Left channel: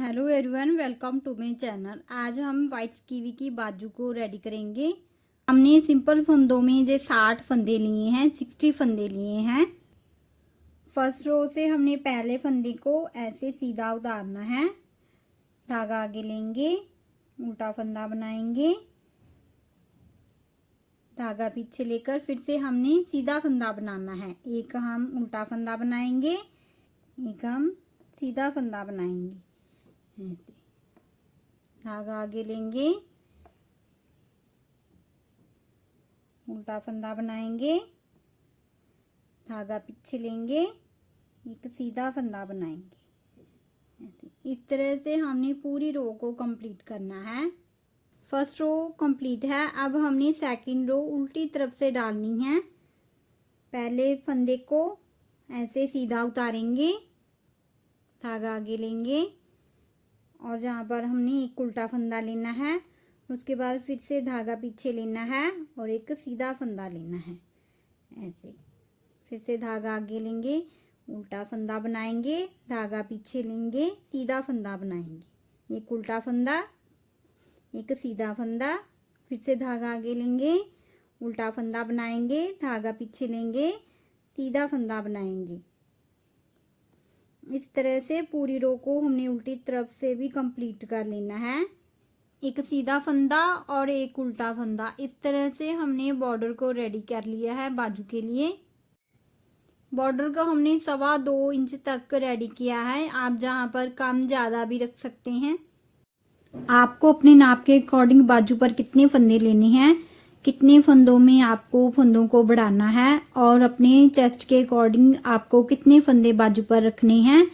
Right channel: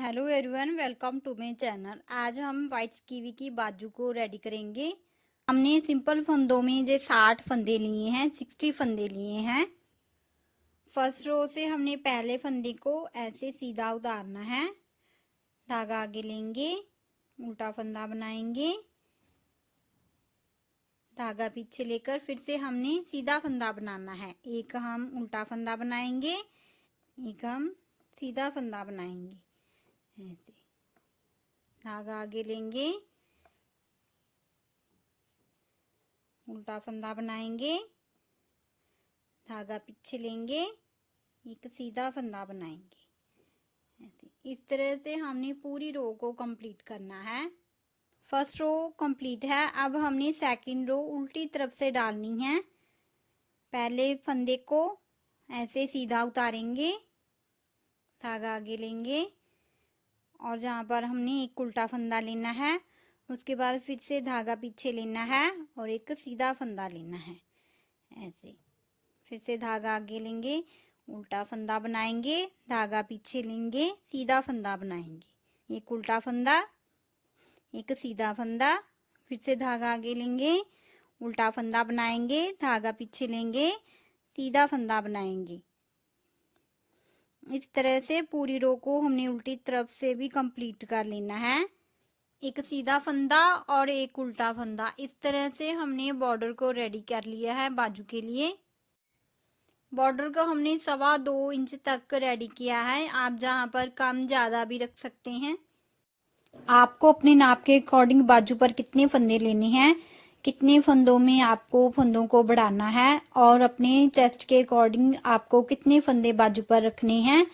Hello everyone, welcome to my channel. आज हम white kiwi की बाजू को रेडी करेंगे। हमने सिंपल फंदों में जो 60 फंदे लिए हैं, 60 फंदे लिए हैं। फर्स्ट रो से हमने पहले फंदे को ऐसे सीधा उतारना है, धागा आगे लेंगे, उल्टा फंदा बनाएंगे, धागा पीछे लेकर फिर से हमने सीधा फंदा बनाना है। एक हम उल्टा फंदा बनाएंगे, एक हम सीधा फंदा बनाएंगे। ऐसे धागा आगे लेंगे, उल्टा फंदा बनाएंगे, धागा पीछे लेंगे, एक सीधा फंदा बनाएंगे। ऐसे इस तरह से हमने पूरी रो को कंप्लीट करना है। फर्स्ट रो कंप्लीट है। अब हमने सेकंड रो उल्टी तरफ से डालनी है। पहले फंदे को ऐसे सीधा उतारेंगे, धागा आगे लेंगे और जहाँ पर हमने एक उल्टा फंदा लेना है, उसके बाद फिर से धागा पीछे लेना है और एक सीधा फंदा लेना है। ऐसे फिर से धागा आगे लेंगे, उल्टा फंदा बनाएंगे, धागा पीछे लेंगे, सीधा फंदा बनाएंगे, एक उल्टा फंदा, एक सीधा फंदा, फिर से धागा आगे लेंगे, उल्टा फंदा बनाएंगे, धागा पीछे लेंगे, सीधा फंदा बनाएंगे। इस तरह से पूरी रो को हमने उल्टी तरफ से भी कंप्लीट कर लेना है। एक सीधा फंदा और एक उल्टा फंदा, इस तरह से हमने बॉर्डर को रेडी कर लिया है बाजू के लिए। बॉर्डर को हमने 2.25 इंच तक रेडी किया है। आप जहां पर कम ज़्यादा भी रख सकते हैं। आपको अपने नाप के अकॉर्डिंग बाजू पर कितने फंदे लेने हैं, कितने फंदों में आपको फंदों को बढ़ाना है और अपने चेस्ट के अकॉर्डिंग आपको कितने फंदे बाजू पर रखने हैं,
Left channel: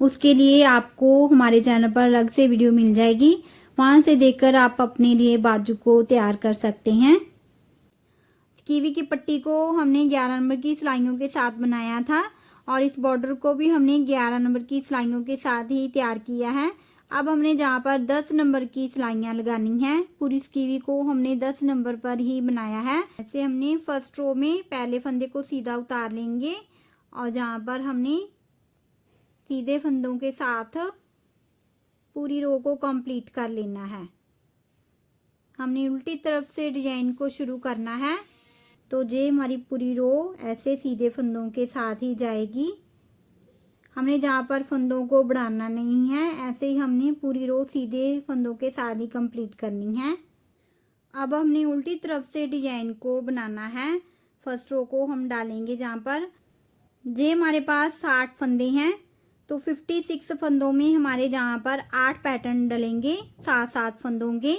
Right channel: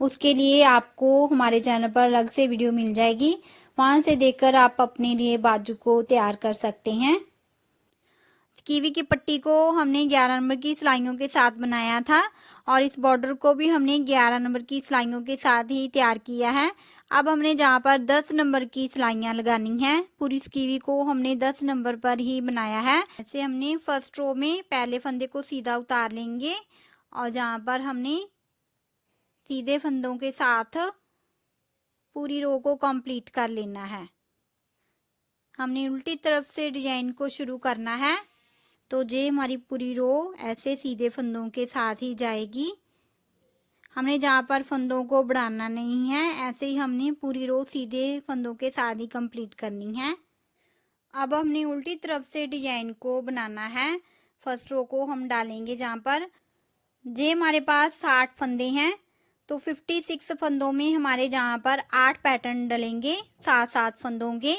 उसके लिए आपको हमारे चैनल पर अलग से वीडियो मिल जाएगी। वहां से देखकर आप अपने लिए बाजू को तैयार कर सकते हैं। कीवी की पट्टी को हमने 11 नंबर की सिलाइयों के साथ बनाया था और इस बॉर्डर को भी हमने 11 नंबर की सिलाइयों के साथ ही तैयार किया है। अब हमने जहाँ पर 10 नंबर की सिलाइयाँ लगानी है, पूरी कीवी को हमने 10 नंबर पर ही बनाया है। ऐसे हमने फर्स्ट रो में पहले फंदे को सीधा उतार लेंगे और जहाँ पर हमने सीधे फंदों के साथ पूरी रो को कंप्लीट कर लेना है। हमने उल्टी तरफ से डिजाइन को शुरू करना है, तो ये हमारी पूरी रो ऐसे सीधे फंदों के साथ ही जाएगी। हमने जहाँ पर फंदों को बढ़ाना नहीं है, ऐसे ही हमने पूरी रो सीधे फंदों के साथ ही कंप्लीट करनी है। अब हमने उल्टी तरफ से डिजाइन को बनाना है। फर्स्ट रो को हम डालेंगे जहाँ पर जे हमारे पास 60 फंदे हैं, तो 56 फंदों में हमारे जहाँ पर 8 पैटर्न डलेंगे 7-7 फंदों के।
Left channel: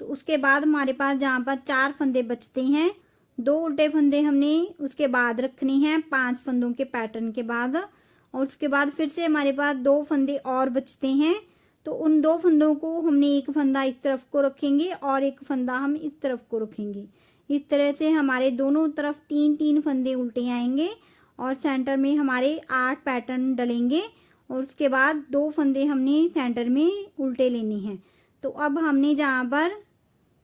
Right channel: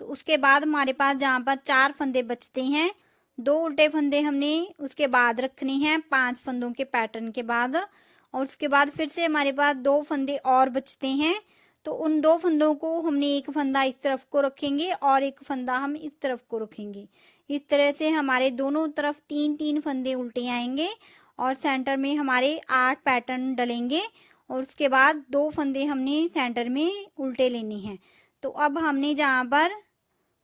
तो उसके बाद हमारे पास जहाँ पर 4 फंदे बचते हैं, 2 उल्टे फंदे हमने उसके बाद रखने हैं 5 फंदों के पैटर्न के बाद, और उसके बाद फिर से हमारे पास 2 फंदे और बचते हैं। तो उन 2 फंदों को हमने एक फंदा इस तरफ को रखेंगे और एक फंदा हम इस तरफ को रखेंगे। इस तरह से हमारे दोनों तरफ 3-3 फंदे उल्टे आएंगे और सेंटर में हमारे 8 पैटर्न डलेंगे और उसके बाद 2 फंदे हमने सेंटर में उल्टे लेने हैं। तो अब हमने जहाँ पर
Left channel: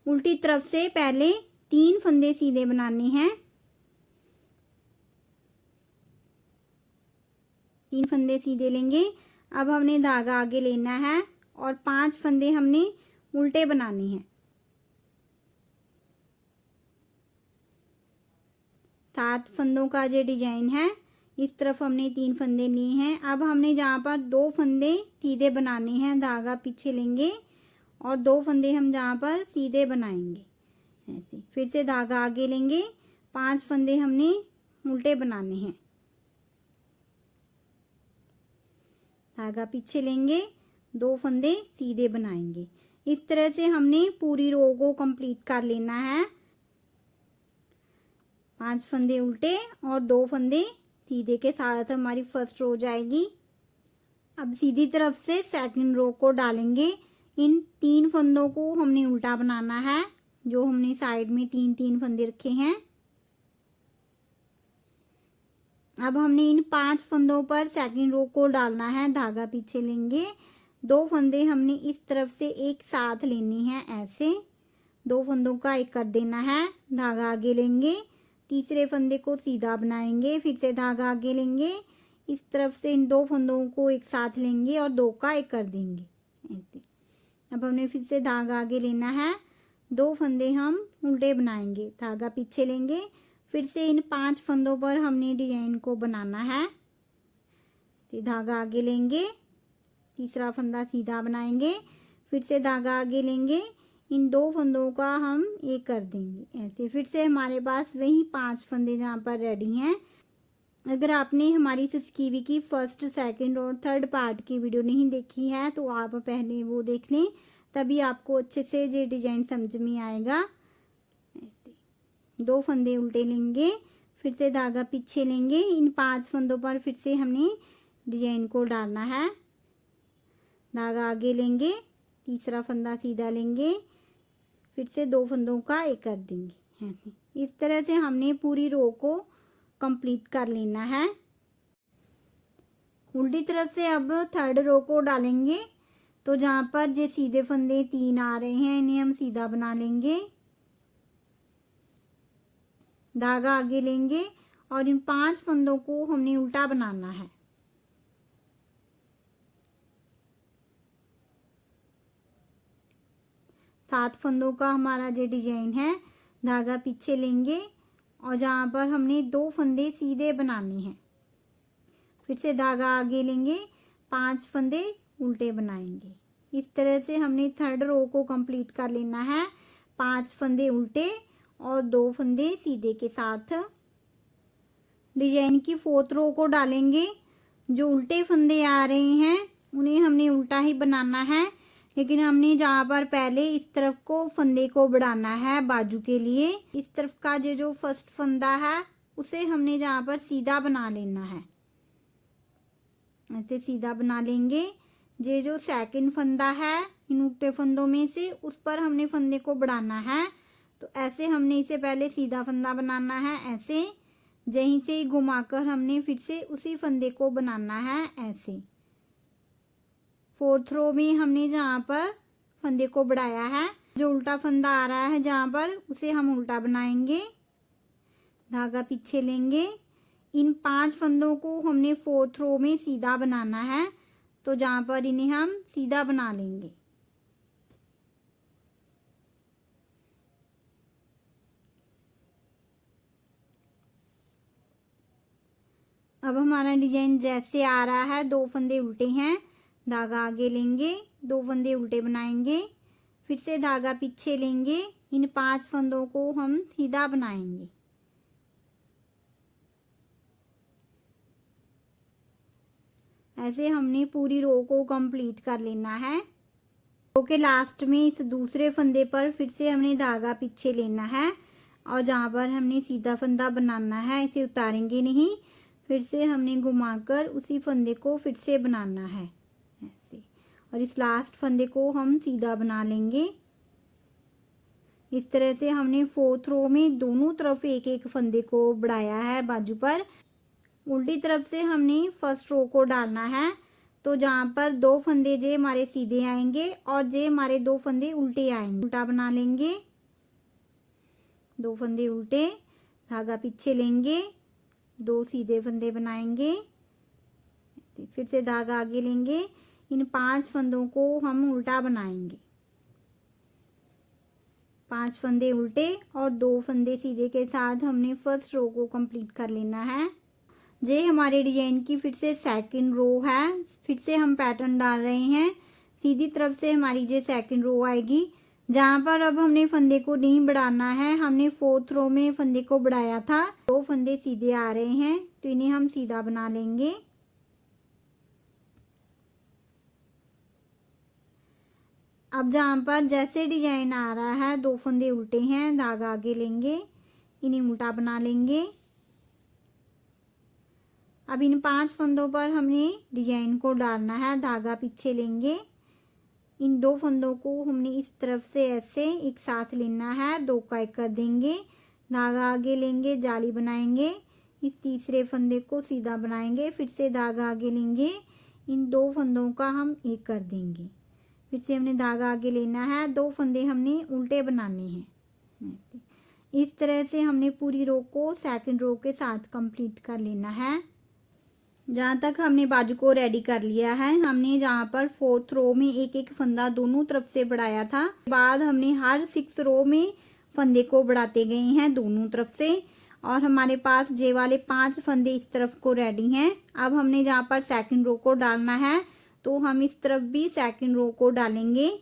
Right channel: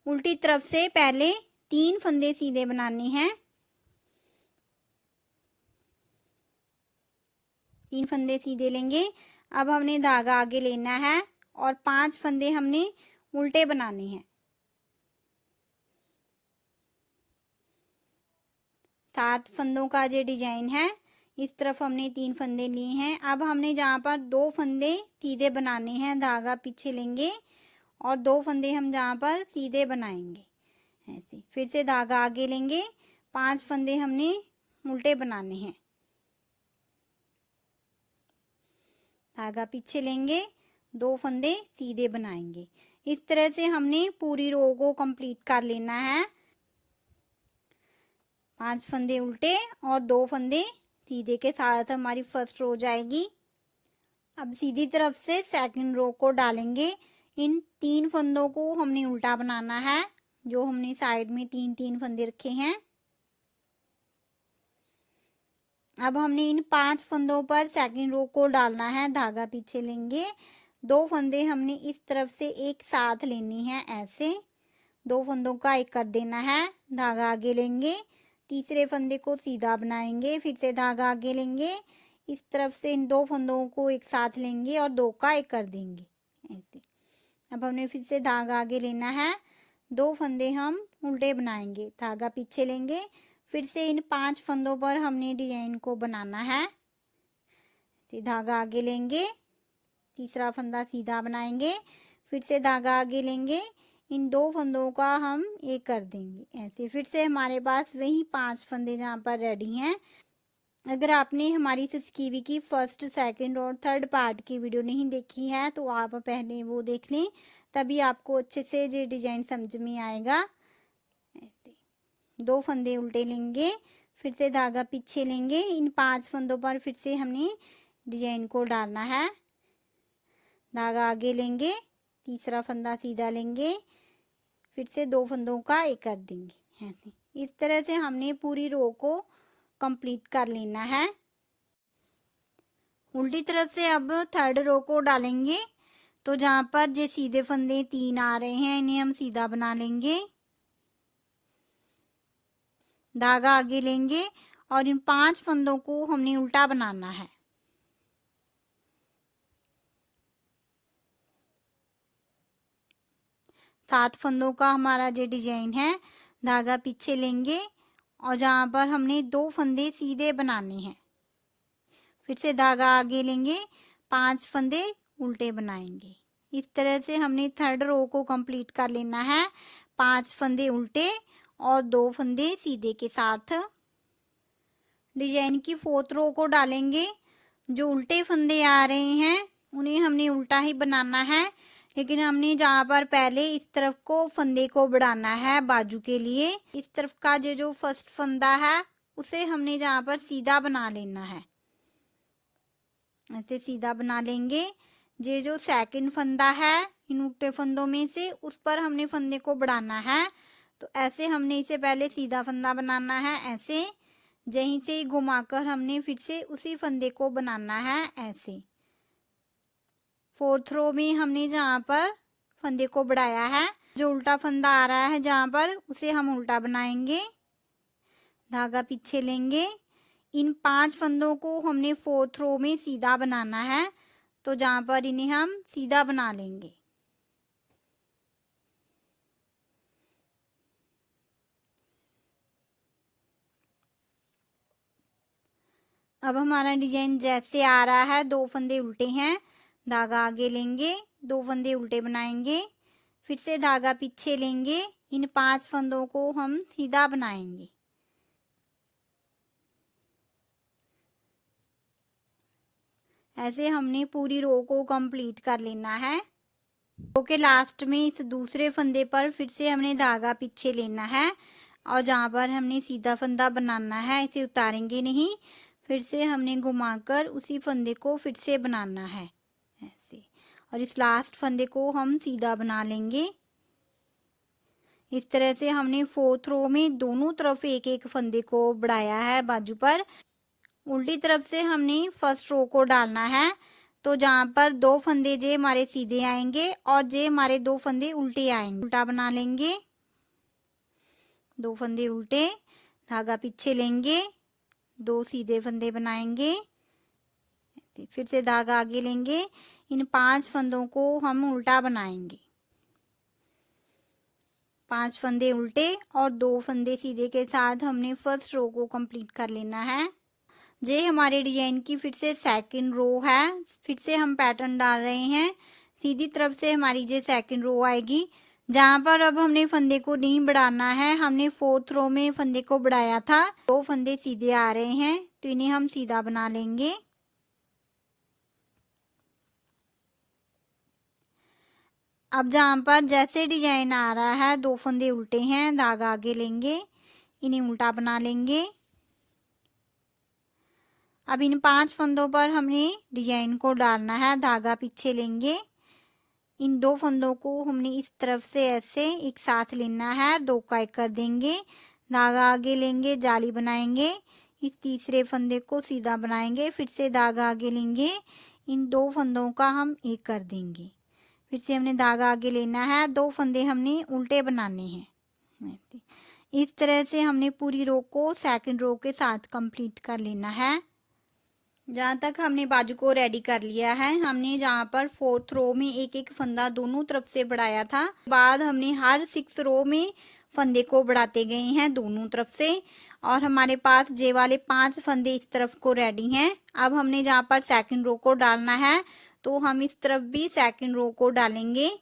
उल्टी तरफ से पहले 3 फंदे सीधे बनाने हैं, 3 फंदे सीधे लेंगे। अब हमने धागा आगे लेना है और 5 फंदे हमने उल्टे बनाने हैं। 7 फंदों का जो डिजाइन है, इस तरफ हमने 3 फंदे लिए हैं। अब हमने जहाँ पर 2 फंदे सीधे बनाने हैं, धागा पीछे लेंगे और 2 फंदे हम जहाँ पर सीधे बनाएंगे। ऐसे फिर से धागा आगे लेंगे, 5 फंदे हमने उल्टे बनाने हैं, धागा पीछे लेंगे, 2 फंदे सीधे बनाएंगे। इस तरह से हमने पूरी रो को कंप्लीट कर लेना है। 5 फंदे उल्टे और 2 फंदे सीधे के साथ हमारी फर्स्ट रो जाएगी। अब सीधी तरफ से सेकंड रो को डालेंगे। इन 3 फंदों को हमने उल्टा बनाना है, जो हमने साइड में 3-3 फंदे रखे हैं। अब हमने इन 5 फंदों पर सेकंड रो को डालना है, धागा पीछे लेंगे, 2 फंदे हमने इस तरफ से एक साथ लेने हैं। ऐसे 2 फंदों का एक कर देना है, धागा आगे लेंगे, तीसरे फंदे को सीधा बनाएंगे, फिर से धागा आगे लेंगे, इस तरफ से इन 2 फंदों को एक साथ लेंगे और 2 का एक कर देंगे ऐसे। अब हमने फिर से धागा आगे लेना है, 2 फंदे हम उल्टे बनाएंगे, धागा पीछे लेंगे, फिर से इन 5 फंदों पर हमने डिजाइन को बनाना है। धागा आगे लेंगे, तीसरा फंदा सीधा बनाएंगे, फिर से धागा आगे लेंगे, इन 2 फंदों का हम एक कर देंगे ऐसे। फिर से हमारे पास वही 5 फंदे जहाँ पर रेडी हैं। अगर आपने हमारी सिसकीवी की फर्स्ट, सेकंड और थर्ड पार्ट की वीडियो नहीं देखी है तो आप पहले वो देख लें, तभी आपको अच्छे से ये डिजाइन समझ में आएगा ऐसे। 2 फंदे उल्टे लेंगे, फिर से धागा पीछे लेंगे, इन 5 फंदों पर फिर से हमने डिजाइन को डालना है। धागा आगे लेंगे, तीसरा फंदा सीधा लेंगे, फिर से 2 फंदों का एक कर देंगे ऐसे। इस तरह से हमने पूरी रो को कंप्लीट कर लेना है। उल्टी तरफ से अब थर्ड रो को डालेंगे, तो जहाँ पर जो सीधे फंदे 3 आ रहे हैं इन्हें हम सीधा बना लेंगे। धागा आगे लेंगे और इन 5 फंदों को हमने उल्टा बनाना है। सात फंदों का हमारा जो डिजाइन है, धागा पीछे लेंगे और जहाँ पर हमने 2 फंदे सीधे बनाने हैं, फिर से धागा आगे लेंगे, 5 फंदे उल्टे बनाएंगे। इस तरह से हमने थर्ड रो को कंप्लीट कर लेना है। 5 फंदे उल्टे और 2 फंदे सीधे के साथ। डिजाइन की 4th रो को डालेंगे, जो उल्टे फंदे आ रहे हैं उन्हें हमने उल्टा ही बनाना है, लेकिन हमने जहाँ पर पहले इस तरफ को फंदे को बढ़ाना है बाजू के लिए, इस तरफ का जो फर्स्ट फंदा है उसे हमने जहाँ पर सीधा बना लेना है ऐसे। सीधा बना लेंगे। ये जो सेकंड फंदा है इन उल्टे फंदों में से, उस पर हमने फंदे को बढ़ाना है, तो ऐसे हमने इसे पहले सीधा फंदा बनाना है ऐसे। यहीं से घुमाकर हमने फिर से उसी फंदे को बनाना है ऐसे। 4th रो में हमने जहाँ पर फंदे को बढ़ाया है, जो उल्टा फंदा आ रहा है जहाँ पर, उसे हम उल्टा बनाएंगे। धागा पीछे लेंगे, इन 5 फंदों को हमने 4th रो में सीधा बनाना है, तो जहाँ पर इन्हें हम सीधा बना लेंगे। अब हमारा डिजाइन जैसे आ रहा है, 2 फंदे उल्टे हैं, धागा आगे लेंगे, 2 फंदे उल्टे बनाएंगे, फिर से धागा पीछे लेंगे, इन 5 फंदों को हम सीधा बनाएंगे। ऐसे हमने पूरी रो को कंप्लीट कर लेना है। रो के लास्ट में इस दूसरे फंदे पर फिर से हमने धागा पीछे लेना है और जहाँ पर हमने सीधा फंदा बनाना है इसे उतारेंगे नहीं, फिर से हमने घुमाकर उसी फंदे को फिर से बनाना है ऐसे, और इस लास्ट फंदे को हम सीधा बना लेंगे। इस तरह से हमने 4th रो में दोनों तरफ एक एक फंदे को बढ़ाया है बाजू पर। उल्टी तरफ से हमने फर्स्ट रो को डालना है, तो जहाँ पर 2 फंदे जे हमारे सीधे आएंगे और जे हमारे 2 फंदे उल्टे आएंगे, उल्टा बना लेंगे। 2 फंदे उल्टे, धागा पीछे लेंगे, 2 सीधे फंदे बनाएंगे, फिर से धागा आगे लेंगे, इन 5 फंदों को हम उल्टा बनाएंगे। 5 फंदे उल्टे और 2 फंदे सीधे के साथ हमने फर्स्ट रो को कंप्लीट कर लेना है। ये हमारे डिजाइन की फिर से सेकंड रो है। फिर से हम पैटर्न डाल रहे हैं, सीधी तरफ से हमारी ये सेकंड रो आएगी, जहाँ पर अब हमने फंदे को नहीं बढ़ाना है। हमने 4th रो में फंदे को बढ़ाया था, 2 फंदे सीधे आ रहे हैं, तो इन्हें हम सीधा बना लेंगे। अब जहाँ पर जैसे डिजाइन आ रहा है, 2 फंदे उल्टे हैं, धागा आगे लेंगे, इन्हें उल्टा बना लेंगे। अब इन 5 फंदों पर हमने डिजाइन को डालना है, धागा पीछे लेंगे, इन 2 फंदों को हमने इस तरफ से ऐसे एक साथ लेना है, 2 का एक कर देंगे, धागा आगे लेंगे, जाली बनाएंगे, इस तीसरे फंदे को सीधा बनाएंगे, फिर से धागा आगे लेंगे, इन 2 फंदों का हम एक कर देंगे, फिर से हमने धागा आगे लेना है, 2 फंदे हमने उल्टे बनाने हैं। इस तरह से हमने पूरी रो को सेकंड रो के साथ कंप्लीट कर लेना है। जहाँ तक हमने बाजू को रेडी कर लिया है, हमने जहाँ पर 4th रो में एक एक फंदा दोनों तरफ से बढ़ाया था, बाद हमने हर 6 रो में फंदे को बढ़ाते गए हैं दोनों तरफ से। और हमारे पास जे वाले 5 फंदे इस तरफ को रेडी हैं। अब हमने जहाँ पर सेकंड रो को डालना है, तो हम इस तरफ भी सेकंड रो को डालेंगे।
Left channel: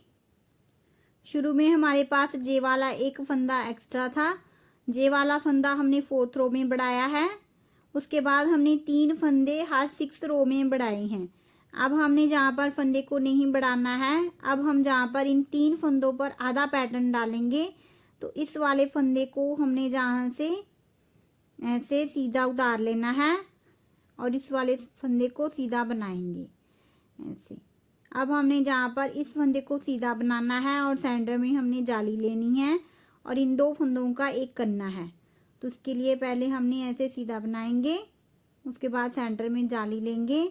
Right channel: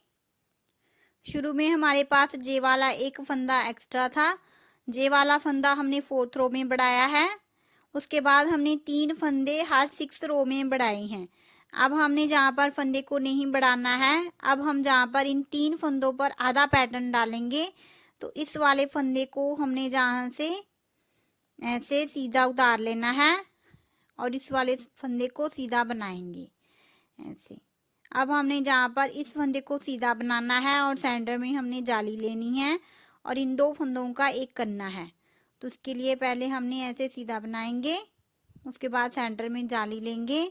शुरू में हमारे पास जे वाला एक फंदा एक्स्ट्रा था, जे वाला फंदा हमने 4th रो में बढ़ाया है। उसके बाद हमने 3 फंदे हर 6 रो में बढ़ाए हैं। अब हमने जहाँ पर फंदे को नहीं बढ़ाना है, अब हम जहाँ पर इन 3 फंदों पर आधा पैटर्न डालेंगे, तो इस वाले फंदे को हमने जहाँ से ऐसे सीधा उतार लेना है और इस वाले फंदे को सीधा बनाएंगे ऐसे। अब हमने जहाँ पर इस फंदे को सीधा बनाना है और सेंटर में हमने जाली लेनी है और इन 2 फंदों का एक करना है। तो उसके लिए पहले हमने ऐसे सीधा बनाएंगे, उसके बाद सेंटर में जाली लेंगे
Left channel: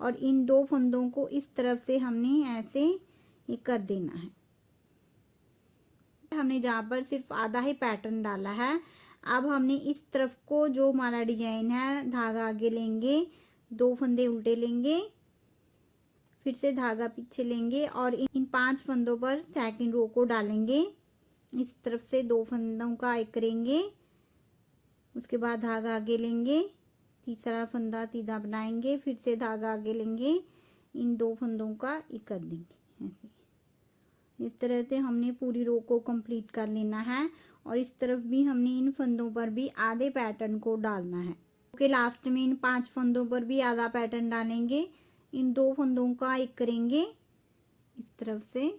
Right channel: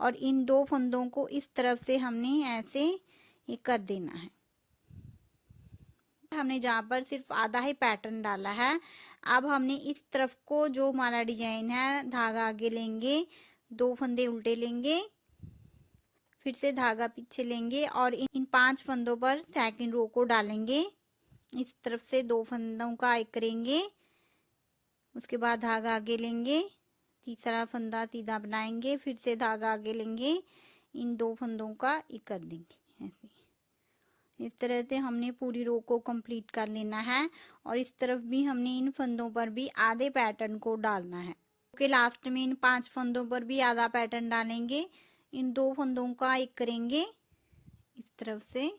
और इन 2 फंदों को इस तरफ से हमने ऐसे एक कर देना है। हमने जहाँ पर सिर्फ आधा ही पैटर्न डाला है। अब हमने इस तरफ को जो हमारा डिजाइन है, धागा आगे लेंगे, 2 फंदे उल्टे लेंगे, फिर से धागा पीछे लेंगे और इन 5 फंदों पर सेकंड रो को डालेंगे। इस तरफ से 2 फंदों का एक करेंगे, उसके बाद धागा आगे लेंगे, तीसरा फंदा सीधा बनाएंगे, फिर से धागा आगे लेंगे, इन 2 फंदों का एक कर देंगे ऐसे। इस तरह से हमने पूरी रो को कंप्लीट कर लेना है और इस तरफ भी हमने इन फंदों पर भी आधे पैटर्न को डालना है। ओके, लास्ट में इन 5 फंदों पर भी आधा पैटर्न डालेंगे, इन 2 फंदों का एक करेंगे, इस तरफ से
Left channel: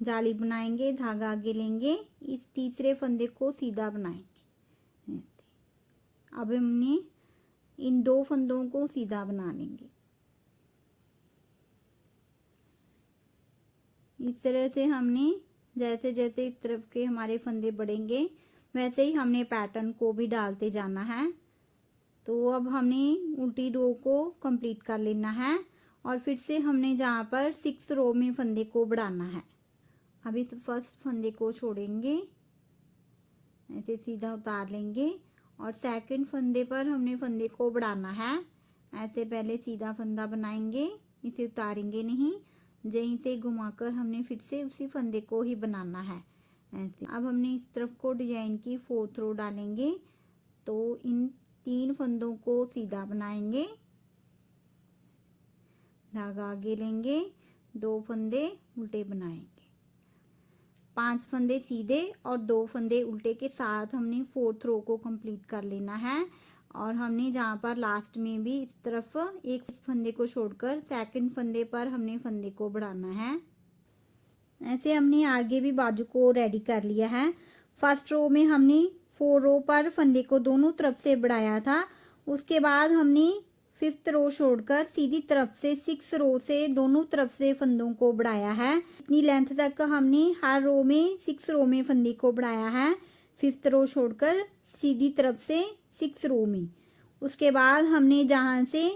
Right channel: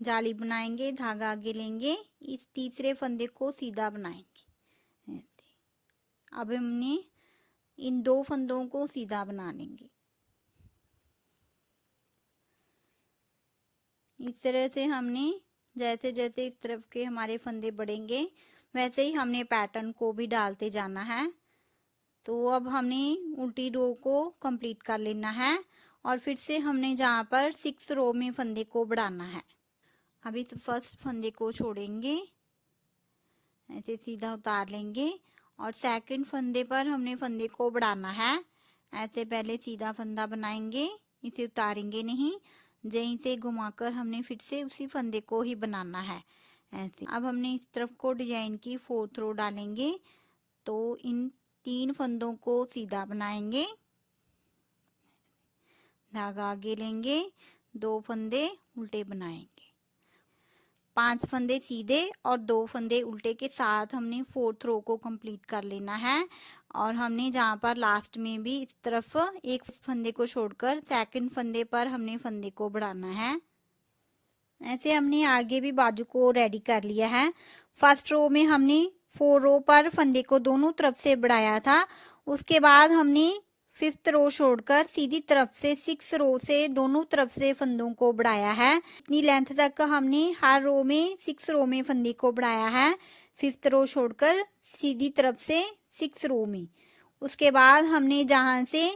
जाली बनाएंगे, धागा आगे लेंगे, इस तीसरे फंदे को सीधा बनाएंगे ऐसे। अब हमने इन 2 फंदों को सीधा बना लेंगे। इस तरह से हमने जैसे जैसे इस तरफ के हमारे फंदे बढ़ेंगे वैसे ही हमने पैटर्न को भी डालते जाना है। तो अब हमने उल्टी रो को कंप्लीट कर लेना है और फिर से हमने जहाँ पर 6 रो में फंदे को बढ़ाना है। अभी तो फर्स्ट फंदे को छोड़ेंगे, ऐसे सीधा उतार लेंगे और सेकंड फंदे पर हमने फंदे को बढ़ाना है। ऐसे पहले सीधा फंदा बनाएंगे, इसे उतारेंगे नहीं, यहीं से घुमाकर हमने फिर से उसी फंदे को ही बनाना है ऐसे। अब हमने इस तरफ को डिजाइन की 4th रो डालेंगे, तो इन 3 फंदों को सीधा बनाएंगे, धागा आगे लेंगे, 2 फंदे उल्टे बनाएंगे, 5 फंदे सीधे और 2 फंदे उल्टे के साथ हमने 4th रो को कंप्लीट कर लेना है। और हमने जहाँ पर लास्ट में भी इस तरफ एक फंदे को छोड़कर सेकंड फंदे पर हमने फंदे को बढ़ाना है। ऐसे हमने आगे भी बाजू को रेडी कर लिया है। फर्स्ट रो में हमने 4 रो पर फंदे को दोनों तरफ से बढ़ाया था, उसके बाद हमने 5th रो छोड़कर सीधी तरफ से 6 रो से दोनों तरफ से फंदों को बढ़ाया है। इतनी लेंथ तक हमने हर रो में 6 रो में फंदे को बढ़ाया है, 5th रो छोड़कर सीधी तरफ से 6 रो में। उसके बाद हमने जहाँ से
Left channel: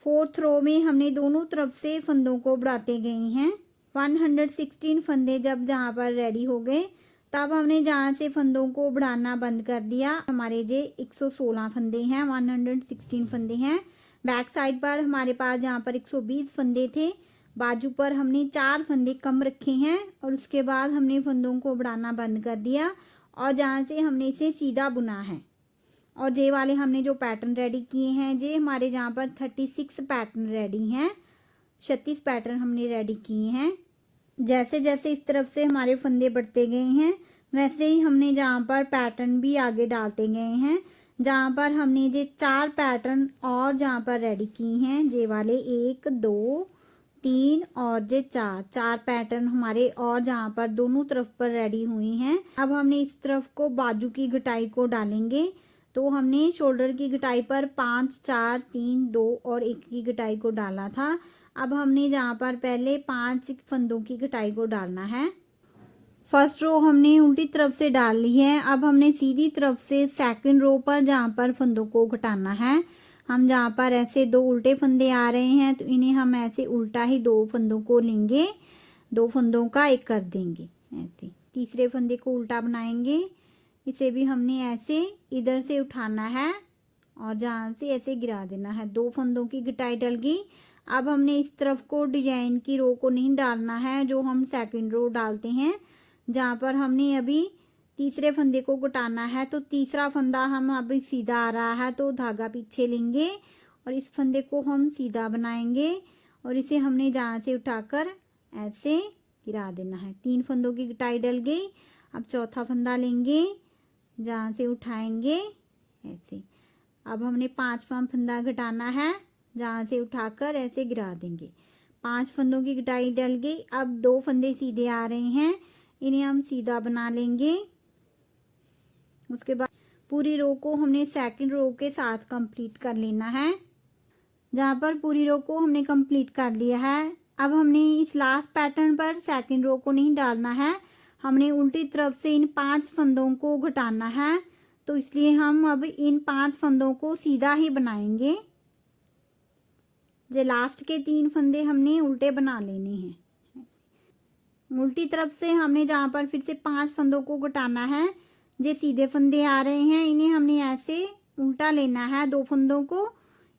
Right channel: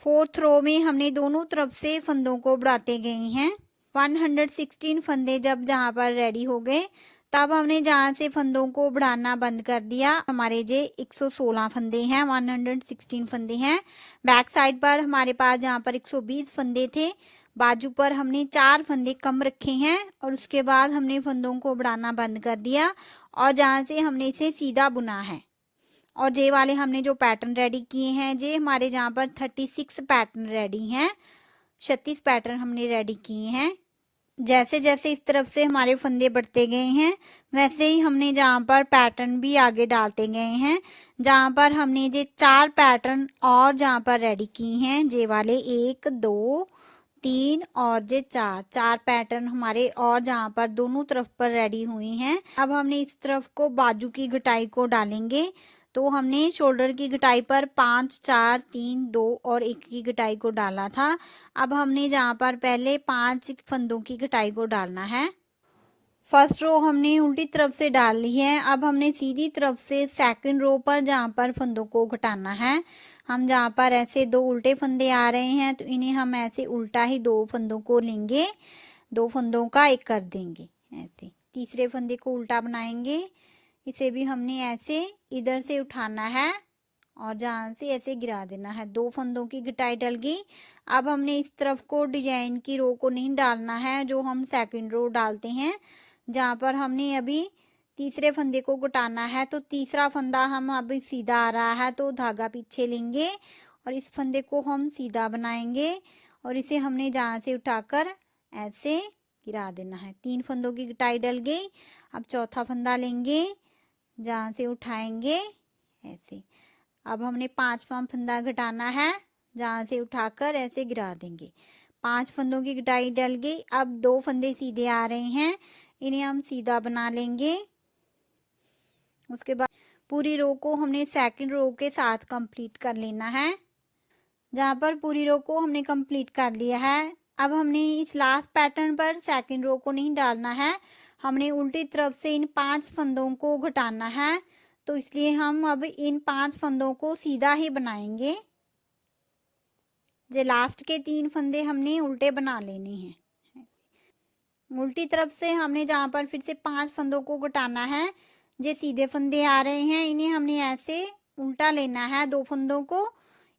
4th रो में हमने दोनों तरफ से फंदों को बढ़ाते गए हैं। 116 फंदे जब जहाँ पर रेडी हो गए, तब हमने जहाँ से फंदों को बढ़ाना बंद कर दिया। हमारे जे 116 फंदे हैं, 116 फंदे हैं। बैक साइड पर हमारे पास जहाँ पर 120 फंदे थे, बाजू पर हमने 4 फंदे कम रखे हैं और उसके बाद हमने फंदों को बढ़ाना बंद कर दिया और जहाँ से हमने इसे सीधा बुना है। और जे वाले हमने जो पैटर्न रेडी किए हैं, जे हमारे जहाँ पर 36 पैटर्न रेडी हैं, 36 पैटर्न हमने रेडी किए हैं। जैसे जैसे इस तरफ से हमारे फंदे बढ़ते गए हैं, वैसे ही हमने जहाँ पर पैटर्न भी आगे डालते गए हैं। जहाँ पर हमने जे 4 पैटर्न और जहाँ पर रेडी किए हैं, जे वाले 1 2 3 और जे 4 पैटर्न हमारे और जहाँ पर दोनों तरफ पर रेडी हुए हैं। अब हमने इस तरफ को बाजू की घटाई को डालेंगे। तो हमने शोल्डर की घटाई पर 5 4 3 2 और 1 की घटाई को डाला था। अब हमने जहाँ पर पहले 5 फंदों की घटाई को डालना है। फर्स्ट रो हमने उल्टी तरफ से डाल ली है। अब हमने सीधी तरफ से सेकंड रो पर जहाँ पर फंदों को घटाना है, हम जहाँ पर ऐसे 2 उल्टे फंदे आ रहे हैं, तो इन्हें हम ऐसे उल्टा ही 2 फंदों को लेंगे, 2 फंदों का एक कर देंगे ऐसे। तीसरे फंदे को उल्टा बनाएंगे, इसे भी हमने ऐसे इधर से उठाना है और जहाँ से ऐसे गिरा देना है। 2 फंदों की घटाई डल गई। अब हमने इस तरफ को डिजाइन की रो को नहीं डालना है जो हम सेकंड रो डालते हैं, जहाँ पर हमने अभी तीसरे फंदे को घटाना है। तो तीसरा फंदा हम अभी सीधा आ रहा है तो धागा पीछे लेंगे और इस फंदे को हम सीधा बनाएंगे और इसे हमने जहाँ से उठाकर ऐसे गिरा देना है। 3 फंदों की घटाई डल गई। अब चौथा फंदा लेंगे, जहाँ से उठाएंगे ऐसे। अब हमने 5वां फंदा घटाना है, जहाँ से उठाकर ऐसे गिरा देंगे। 5 फंदों की घटाई डल गई। अब 2 फंदे सीधे आ रहे हैं, इन्हें हम सीधा बना लेंगे। उसके बाद पूरी रो को हमने सेकंड रो के साथ कंप्लीट कर लेना है। जहाँ पर पूरी रो को हमने कंप्लीट कर लिया है, अब हमने इस लास्ट पैटर्न पर सेकंड रो को नहीं डालना है, हमने उल्टी तरफ से इन 5 फंदों को घटाना है। तो इसलिए हम अब इन 5 फंदों को सीधा ही बनाएंगे। जो लास्ट के 3 फंदे हमने उल्टे बना लेने हैं। उल्टी तरफ से हमने जहाँ पर फिर से 5 फंदों को घटाना है, जो सीधे फंदे आ रहे हैं इन्हें हमने ऐसे उल्टा लेना है। 2 फंदों को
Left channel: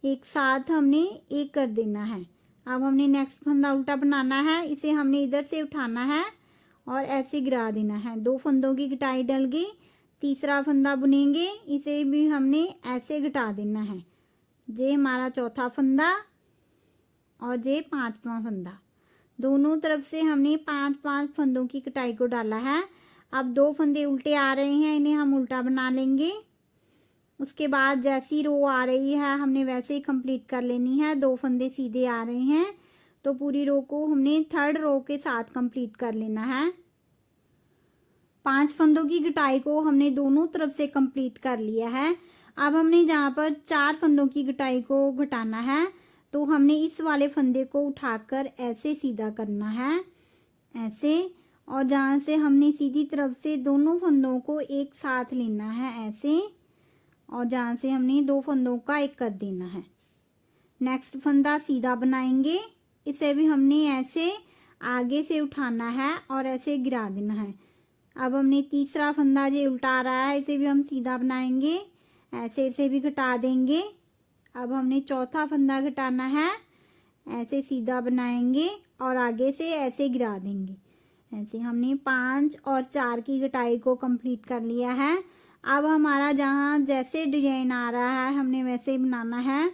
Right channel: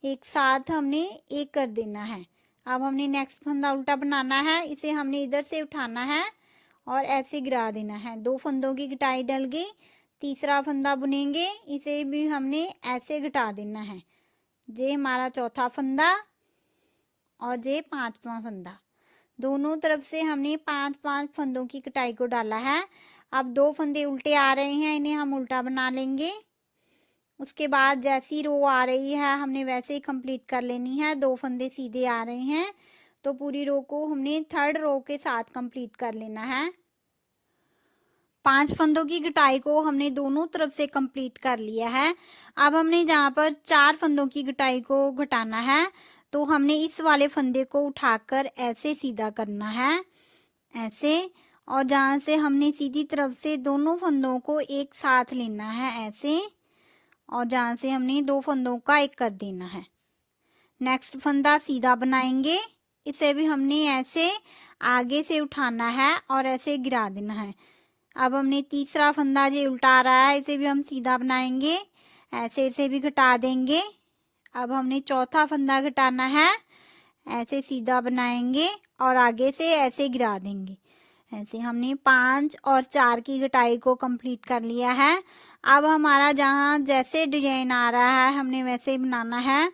एक साथ हमने एक कर देना है। अब हमने नेक्स्ट फंदा उल्टा बनाना है, इसे हमने इधर से उठाना है और ऐसे गिरा देना है। 2 फंदों की घटाई डल गई। तीसरा फंदा बुनेंगे, इसे भी हमने ऐसे घटा देना है। ये हमारा चौथा फंदा और ये 5वां फंदा। दोनों तरफ से हमने 5-5 फंदों की कटाई को डाला है। अब 2 फंदे उल्टे आ रहे हैं, इन्हें हम उल्टा बना लेंगे। उसके बाद जैसी रो आ रही है हमने वैसे ही कंप्लीट कर लेनी है। 2 फंदे सीधे आ रहे हैं तो पूरी रो को हमने थर्ड रो के साथ कंप्लीट कर लेना है। 5 फंदों की घटाई को हमने दोनों तरफ से कंप्लीट कर लिया है। अब हमने जहाँ पर 4 फंदों की घटाई को घटाना है, तो हमने इस वाले फंदे को उठाकर ऐसे सीधा करना है, ऐसे। और जहाँ से हमने सीधी तरफ से दोनों फंदों को एक साथ लेना है ऐसे, और जहाँ से हमने 2 फंदों का एक कर देना है। नेक्स्ट फंदा सीधा बनाएंगे, इसे भी हमने ऐसे आगे से उठाना है और ऐसे गिरा देना है। अब हमने तीसरा फंदा जो उल्टा रहा है इसे भी हम सीधा बनाएंगे, ऐसे इसे भी घटा देंगे। अब हमने चौथा फंदा घटाना है, ऐसे सीधा बनाएंगे और आगे से ऐसे गिरा देंगे। ऐसे हमने 5 और 4 की घटाई को कंप्लीट कर लिया है। अब हमारा जहाँ जैसे डिजाइन आ रहा है हमने वैसे ही बनाना है।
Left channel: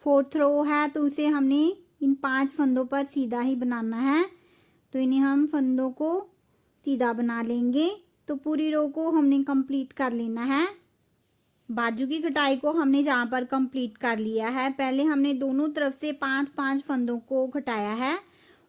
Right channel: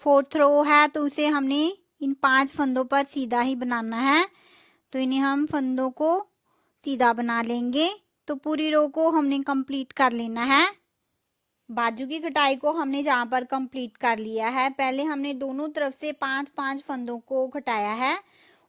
4th रो है तो उसे हमने इन 5 फंदों पर सीधा ही बनाना है, तो इन्हें हम फंदों को सीधा बना लेंगे। तो पूरी रो को हमने कंप्लीट कर लेना है। बाजू की घटाई को हमने जहाँ पर कंप्लीट कर लिया है, पहले हमने दोनों तरफ से 5-5 फंदों को घटाया है।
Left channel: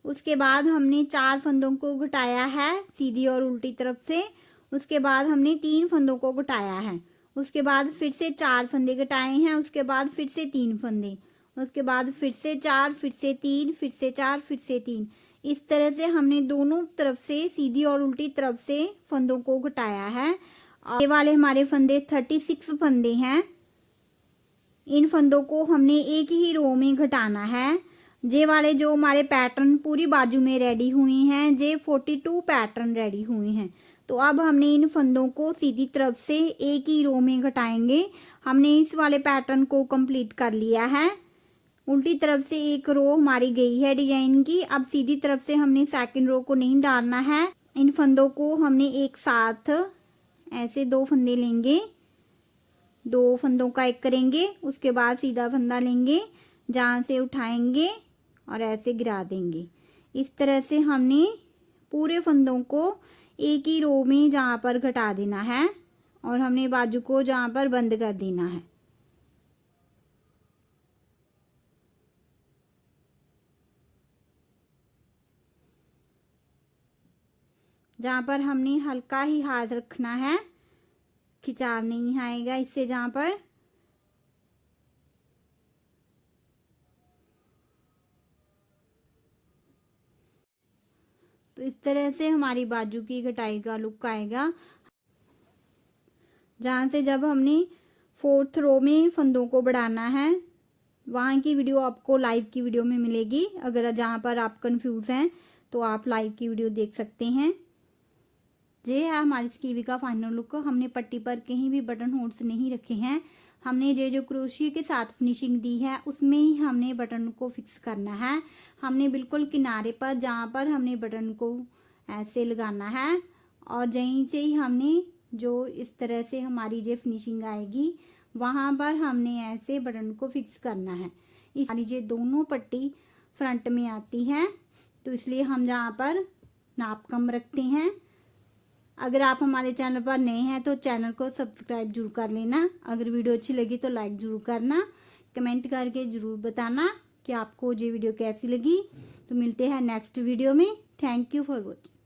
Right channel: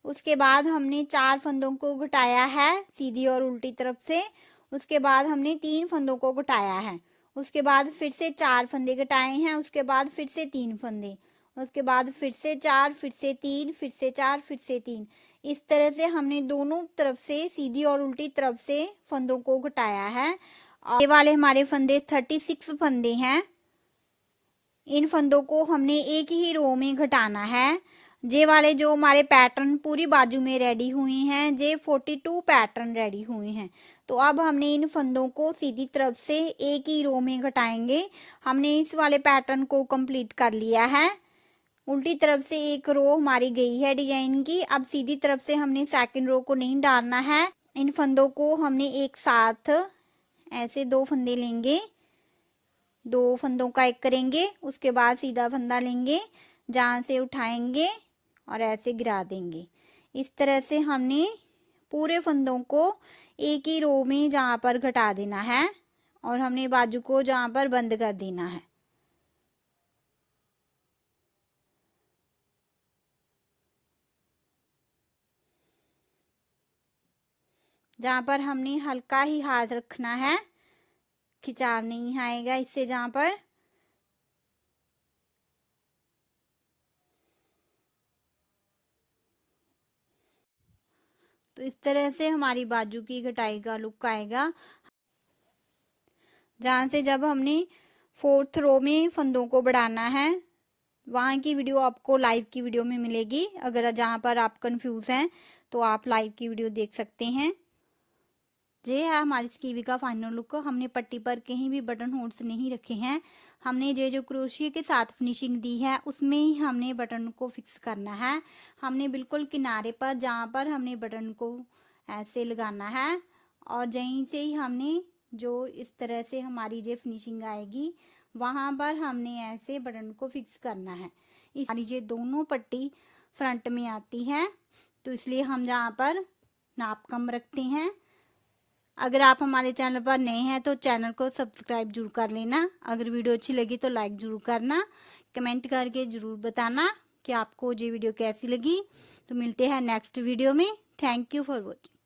उसके बाद हमने 4 फंदों को घटाया है सीधी और उल्टी तरफ से। उसके बाद हमने 3 फंदों को घटाया है। उसके बाद फिर से 4 फंदे घटाए हैं। उसके बाद फिर से 3 फंदे, उसके बाद फिर से 4, फिर से 3, फिर से 4, फिर से 3। इस तरह से हमने दोनों तरफ से सीधी और उल्टी तरफ से फंदों को घटाया है। ये वाले हमारे फंदे 36 फंदे हैं। इन फंदों को हमने एक ही रो में घटाना है। ये वाले जो हमारे पैटर्न पूरी बाजू में रेडी हुए हैं, ये 42 पैटर्न रेडी हुए हैं। तो अब हमने इन फंदों को सीधी तरफ से एक ही रो में घटाएंगे। हमने इस वाले पैटर्न को कंप्लीट कर लिया है। उल्टी तरफ से एक रो हमारी गई है डिजाइन की। अब सीधी तरफ से हमने सेकंड रो को नहीं डालना है। इन फंदों को हमने एक साथ ऐसे 2 फंदे लेंगे, 2 फंदों का एक करेंगे। उसके बाद सीधा फंदा लेंगे, जहाँ से उठाएंगे और ऐसे गिरा देंगे। इस तरह से हमने पूरे फंदों को एक ही रो में जहाँ पर घटा देना है और हमने बाजू को जहाँ पर बंद कर देना है। जहाँ पर हमने हल्का ही हाथ रखना है, खिंचाव नहीं आएगा इससे। जहाँ पर तो इस तरह से हमारी बाजू की घटाई का लुक आएगा। जहाँ से जब हमने 4th रो में फंदों को बढ़ाना है, वहाँ की वीडियो आपको लाइव की वीडियो में मिलेगी। अगर जहाँ पर आप कंफ्यूज हैं तो आप लाइव की वीडियो देख सकते हैं। ये है हमारी स्कीवी का फाइनल लुक। हमने पट्टी पर कहीं भी बटन होल्स नहीं रखे हैं, हमने ये जो क्रोशिया के साथ फिनिशिंग दी है उसमें ही हमने बटन को फिक्स करना है। हमने बिल्कुल किनारे पर जहाँ पर हमने बटन को ऐसे लगाना है और यहीं से ही हमने जो इस तरह से हमारी जो फिनिशिंग आएगी वहाँ पर हमने ऐसे बटन को फिक्स करना है। हमारी ये दोनों पट्टी फ्रंट में आती है तो इसलिए हम जहाँ पर नाप कम रखते हैं। अगर आप हमारे चैनल पर नए हैं तो चैनल को सब्सक्राइब जरूर कर लेना। अगर वीडियो अच्छी लगी तो लाइक जरूर करना, कमेंट करके जरूर बताना कि आपको ये वीडियो कैसी लगी। तो मिलते हैं नेक्स्ट वीडियो में। Thank you for watching.